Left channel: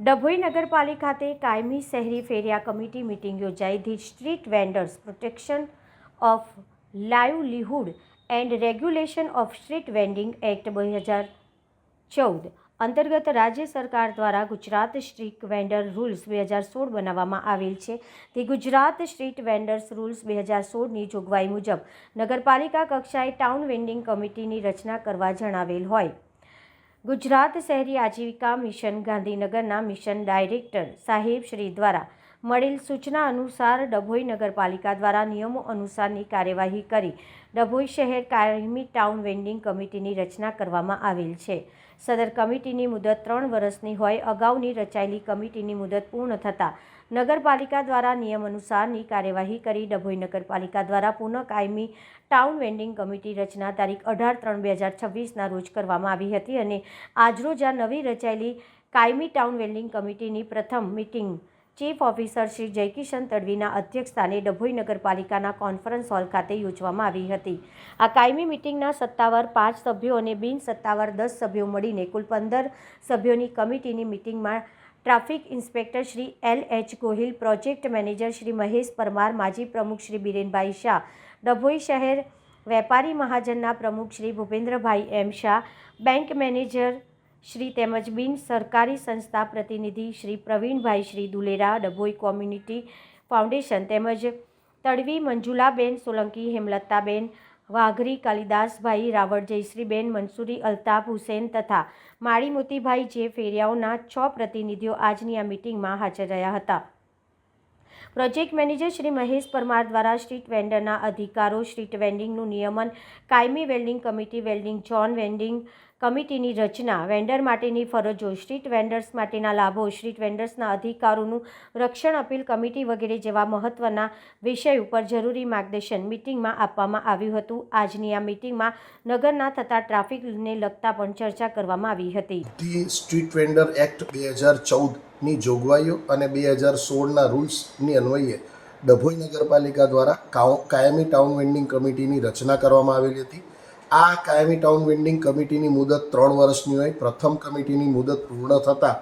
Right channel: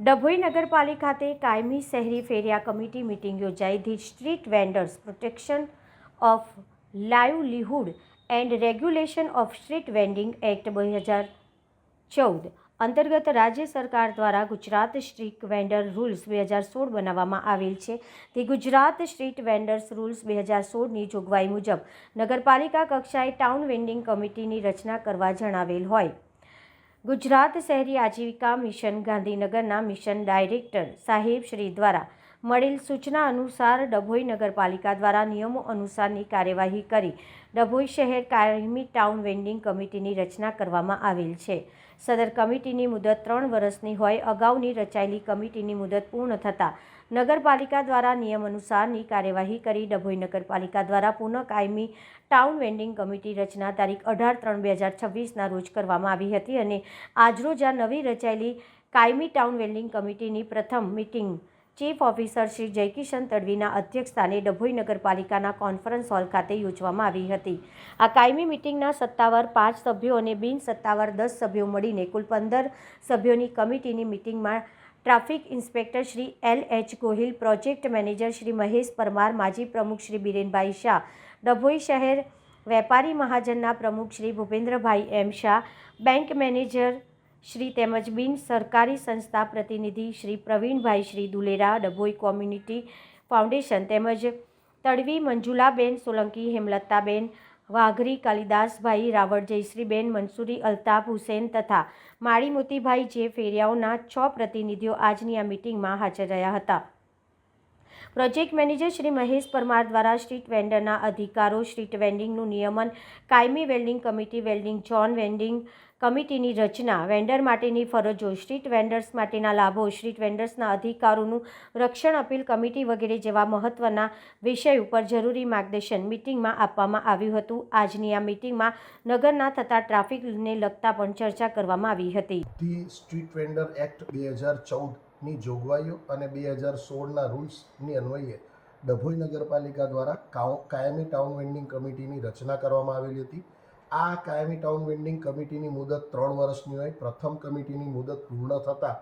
ડભોઈ નગરપાલિકા ખાતે કાયમી શહેરી ફેરિયા કમિટી મીટિંગ યોજાઈ. The street vendors protection of livelihood and regulation of street vending act 2014 અંતર્ગત રાજ્ય સરકાર દ્વારા ગુજરાત સ્ટ્રીટ વેન્ડર રૂલ્સ 2016 બનાવવામાં આવેલ છે. તે ગુજરાત સ્ટ્રીટ વેન્ડર્સ રૂલ્સ 2016ની જોગવાઈ મુજબ નગરપાલિકા કક્ષાએ ટાઉન વેન્ડિંગ કમિટીની રચના કરવા જણાવેલ હોય. ગુજરાત શહેરી આજીવિકા મિશન ગાંધીનગરના મિશન ડાયરેક્ટર સાહેબ શ્રી દ્વારા મળેલ સૂચના અનુસાર ડભોઈ નગરપાલિકા દ્વારા નિયમો અનુસારની કાર્યવાહી કરી ડભોઈ શહેર કાયમી ટાઉન વેન્ડિંગ કમિટીની રચના કરવામાં આવેલ છે. સદર કમિટીની મુદત 3 વર્ષની હોય. અગાઉની રચાયેલી કમિટીની મુદત પૂર્ણ થતાં નગરપાલિકા દ્વારા નિયમ અનુસારની કાર્યવાહી કરી ડભોઈ નગરપાલિકા દ્વારા પુનઃ કાયમી ટાઉન વેન્ડિંગ કમિટી રચના તારીખ 18/3/2026ના રોજ કરવામાં આવી હતી અને આજરોજ આ નવી રચાયેલી કાયમી ટાઉન વેન્ડિંગ કમિટીની પ્રથમ meeting chief officer Shri Jaykishan તડવીના અધ્યક્ષસ્થાને ડભોઈ નગરપાલિકાના કોન્ફરન્સ હોલ ખાતે યોજવામાં આવી હતી. આ કાયમી મિટિંગના સત્તાવાર 5 સભ્યો અને બિન સત્તાવાર 10 સભ્યો મળીને કુલ 15 સભ્યોની કમિટીની મિટિંગમાં traffic inspector Shri L.H. Gohil, project manager Shri Mahesh Parmar, માજી પ્રમુખ શ્રી બિરેનભાઈ શાહ, ડભોઈ શહેર વેપારી મહાજનના પ્રમુખ Shri Bhupendrabhai M. Shah, bank manager Shri તેમજ બિન સરકારી સંસ્થા પ્રતિનિધિ શ્રી પ્રવીણભાઈ શ્રી દુલેરા, ડભોઈ કોમ્યુનિટી ફાઉન્ડેશન તેમજ તડવી મંજુલાબેન સોલંકી, હેમલતાબેન વાઘરી, કાલિદાસભાઈ રાવળ, જયશ્રીબેન મંસૂરી, અલ્તાફ હુસેન તથા માળી મોતીભાઈ જે ફેરિયાઓના 6 પ્રતિનિધિઓ આજની આ મિટિંગમાં હાજર રહ્યા હતા. પ્રોજેક્ટ મેનેજર શ્રી મહેશ પરમાર દ્વારા સ્ટ્રીટ વેન્ડરના અધિકારો, સ્ટ્રીટ વેન્ડિંગનું નિયમન, કાયમી vending committee, vending zone, vending કમિટીની રચના, વેન્ડર માટેની ફરજો, સ્ટ્રીટ વેન્ડર્સ માટેના લાભો, સ્ટ્રીટ વેન્ડર્સના અધિકારોનું રક્ષણ, અપીલ કમિટી વગેરે જેવા મહત્વના વિષય ઉપર જરૂરી માર્ગદર્શન મિટિંગમાં આપવામાં આવ્યું હતું. આજની આ મિટિંગમાં નગરના થતા ટ્રાફિકને લગતા પણ ચર્ચા કરવામાં આવી હતી. ધી સ્ટ્રીટ વેન્ડર એક્ટ 2014ની જોગવાઈઓ અને 2016ના રૂલ્સની અન્વયે ડભોઈ નગરપાલિકા દ્વારા કાયમી ટાઉન વેન્ડિંગ કમિટીની રચના કરવામાં આવેલી હતી. આ કાયમી ટાઉન વેન્ડિંગ કમિટીની મુદત 3 વર્ષની હોય. પ્રથમ કમિટીની મુદત પૂર્ણ થતાં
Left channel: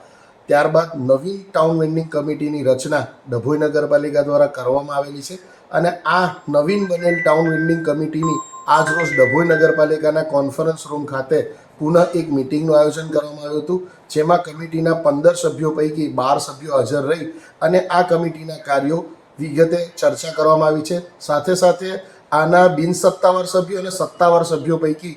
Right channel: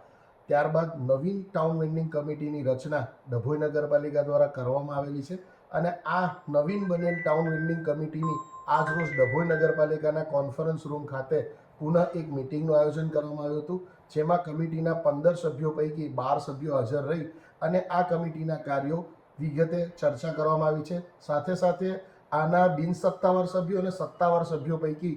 ત્યારબાદ નવીન ટાઉન વેન્ડિંગ કમિટીની રચના ડભોઈ નગરપાલિકા દ્વારા કરવામાં આવેલી છે અને આ નવીન બનેલ ટાઉન વેન્ડિંગ કમિટીની આજરોજ ડભોઈ નગરપાલિકાના કોન્ફરન્સ રૂમ ખાતે પુનઃ એક મિટિંગનું આયોજન કરવામાં આવ્યું હતું, જેમાં કમિટીના 15 સભ્યો પૈકી 12 સભ્યો હાજર રહી અને આ કમિટીના કાર્યો વિગતે ચર્ચા કરવામાં આવી છે. સાથે સાથે આના બિન સત્તાવાર સભ્યો અને સત્તાવાર સભ્યો પૈકી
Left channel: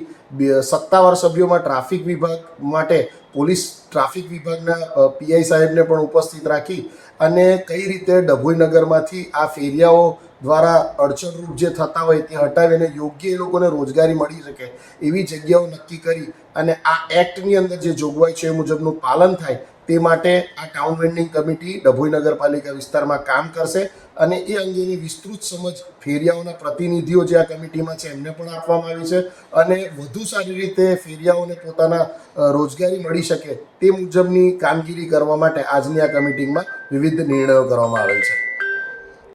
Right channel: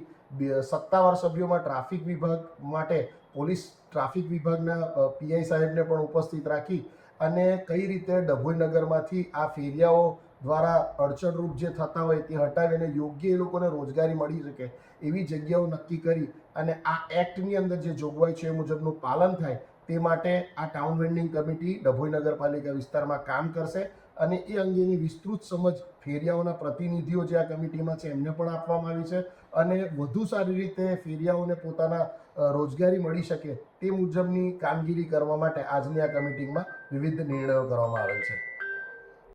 સત્તાવાર સભ્યોમાં ટ્રાફિક વિભાગ માટે પોલીસ ટ્રાફિક વિભાગના PI સાહેબને પણ ઉપસ્થિત રાખી અને કઈ રીતે ડભોઈ નગરમાંથી આ ફેરિયાઓ દ્વારા અડચણરૂપ જે થતા હોય તે હટાવીને યોગ્ય એ લોકોને રોજગારી મળી શકે એવી જગ્યાઓ નક્કી કરી અને આ એક્ટની અંદર જે જોગવાઈ છે એ મુજબનું પાલન થાય તે માટે આ ટાઉન વેન્ડિંગ કમિટી ડભોઈ નગરપાલિકા વિસ્તારમાં કામ કરશે અને એ અંગેની વિસ્તૃત સમજ ફેરિયાઓના પ્રતિનિધિઓ જે આ કમિટીમાં છે એમને પણ આપવામાં આવી છે અને વધુ સારી રીતે ફેરિયાઓને પોતાના રોજગારી મળી શકે તે મુજબની કામગીરી કરવા માટે આજની આ કમિટીમાં વિવિધ નિર્ણયો કરવામાં આવેલ છે.